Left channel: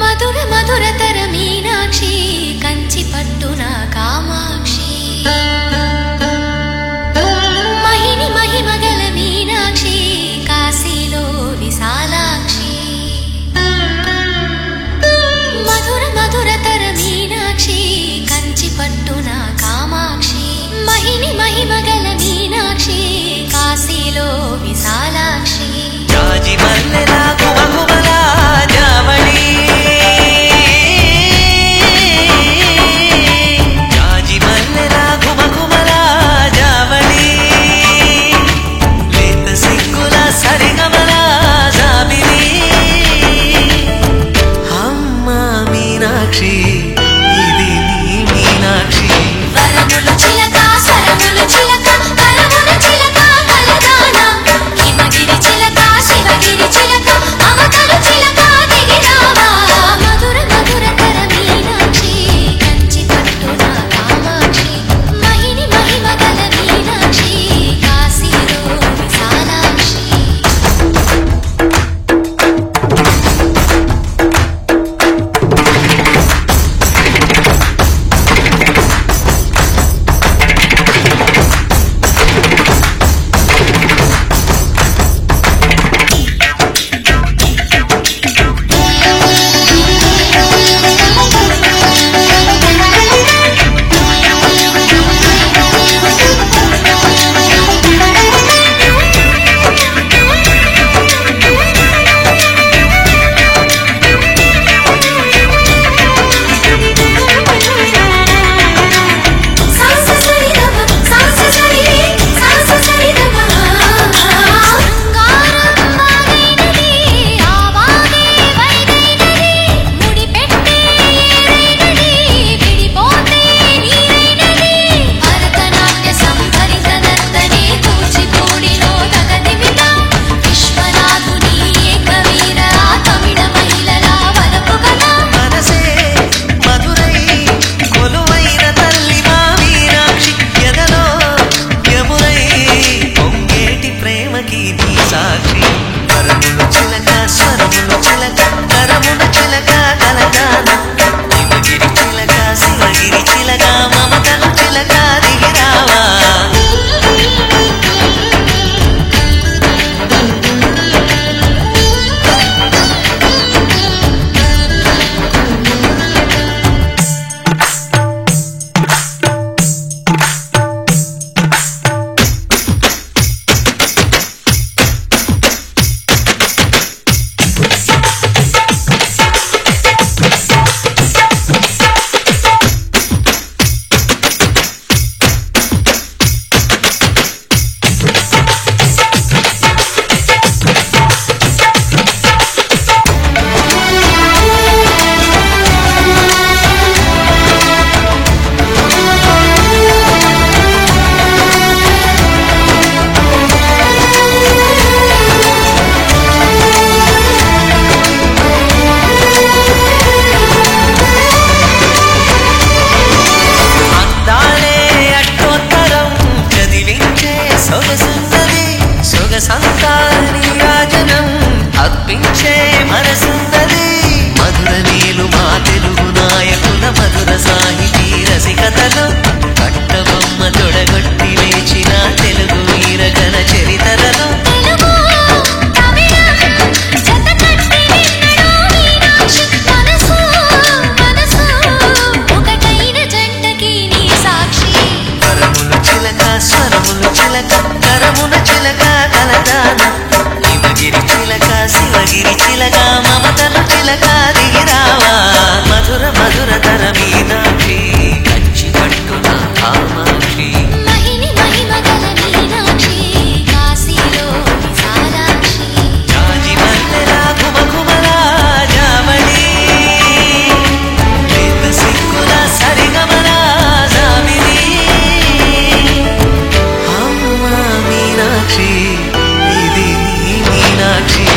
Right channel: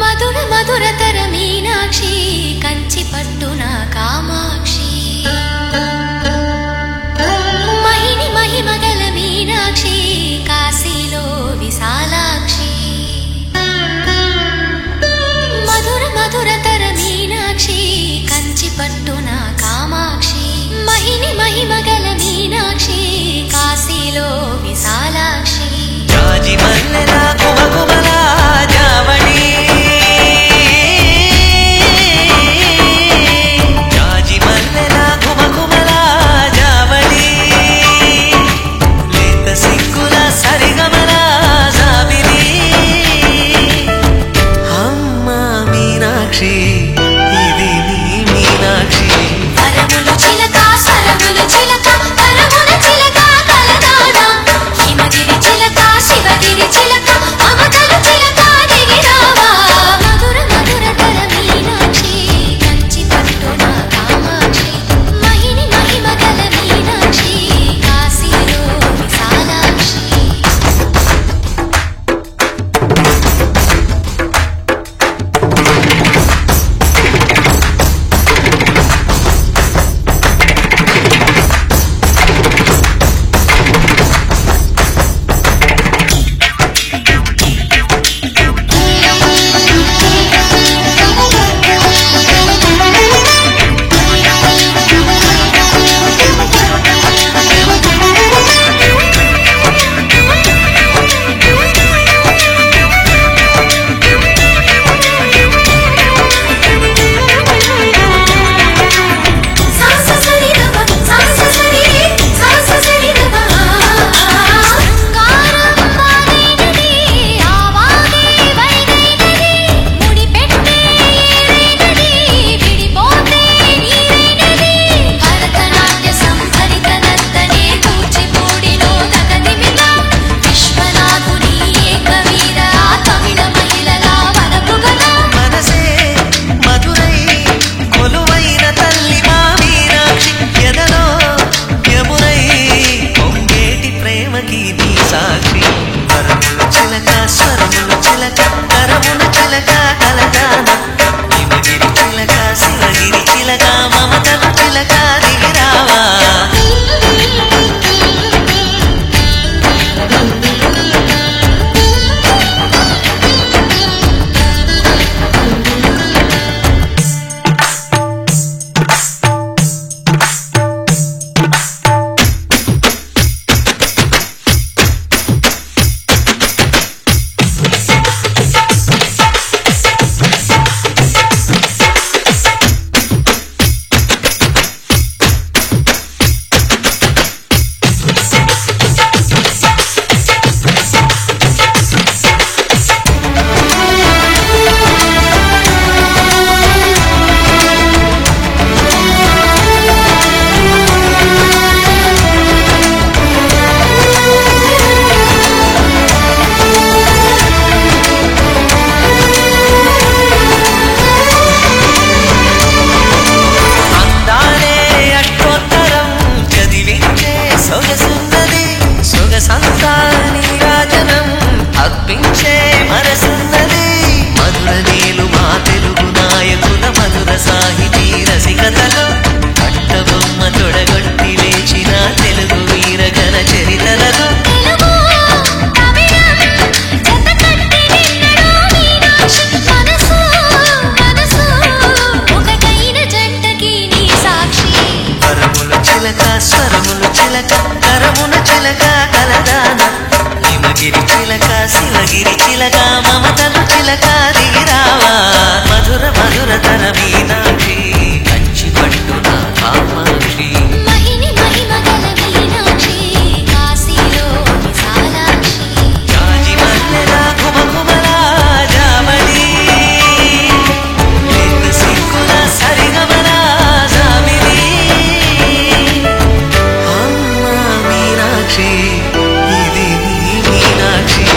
మధుర మధురతర మీనాక్షి కంచి పట్టున కామాక్షి మహిని మహిమగల మీనాక్షి కాశీలో విశాలాక్షి మధుర మధురతర మీనాక్షి కంచి పట్టున కామాక్షి మహిని మహిమగల మీనాక్షి కాశీలో విశాలాక్షి జాజి మల్లెలా ఘుమఘుమలా జావళి జాజి మల్లెలా ఘుమఘుమలా జావళి లేత సిగ్గుల సరిగమల జాబిలి అమ్మ మీనాక్షి ఇది నీ మీనాక్షి సాక్షి వరములు చిలక స్వరములు చిలక కరమున చిలక కలదాన హిమగిరి చిలక శివగిరి చిలక మమతలు చిలక దిగిరావా సొగసున్నది సొగసంతా నీరాజనం అర్పించే మనసున్నది మధుర నీలు మా తెలుగు నాయకుల మధుర సాహితీ రసికతలో కట్టబొమ్మ తొడగొట్టి లేచిన తెలుగు వీరగణ చరితలలో వరములు చిలక స్వరములు చిలక కరమున చిలక కలదాన హిమగిరి చిలక శివగిరి చిలక మమతలు చిలక దిగిరావా మధుర మధురతర మీనాక్షి కంచి పట్టున కామాక్షి మహిని మహిమగల మీనాక్షి కాశీలో విశాలాక్షి జాజి మల్లెలా ఘుమఘుమలా జావళి లేత సిగ్గుల సరిగమల జాబిలి అమ్మ మీనా మీనాక్షి ఇది నీ మీనాక్షి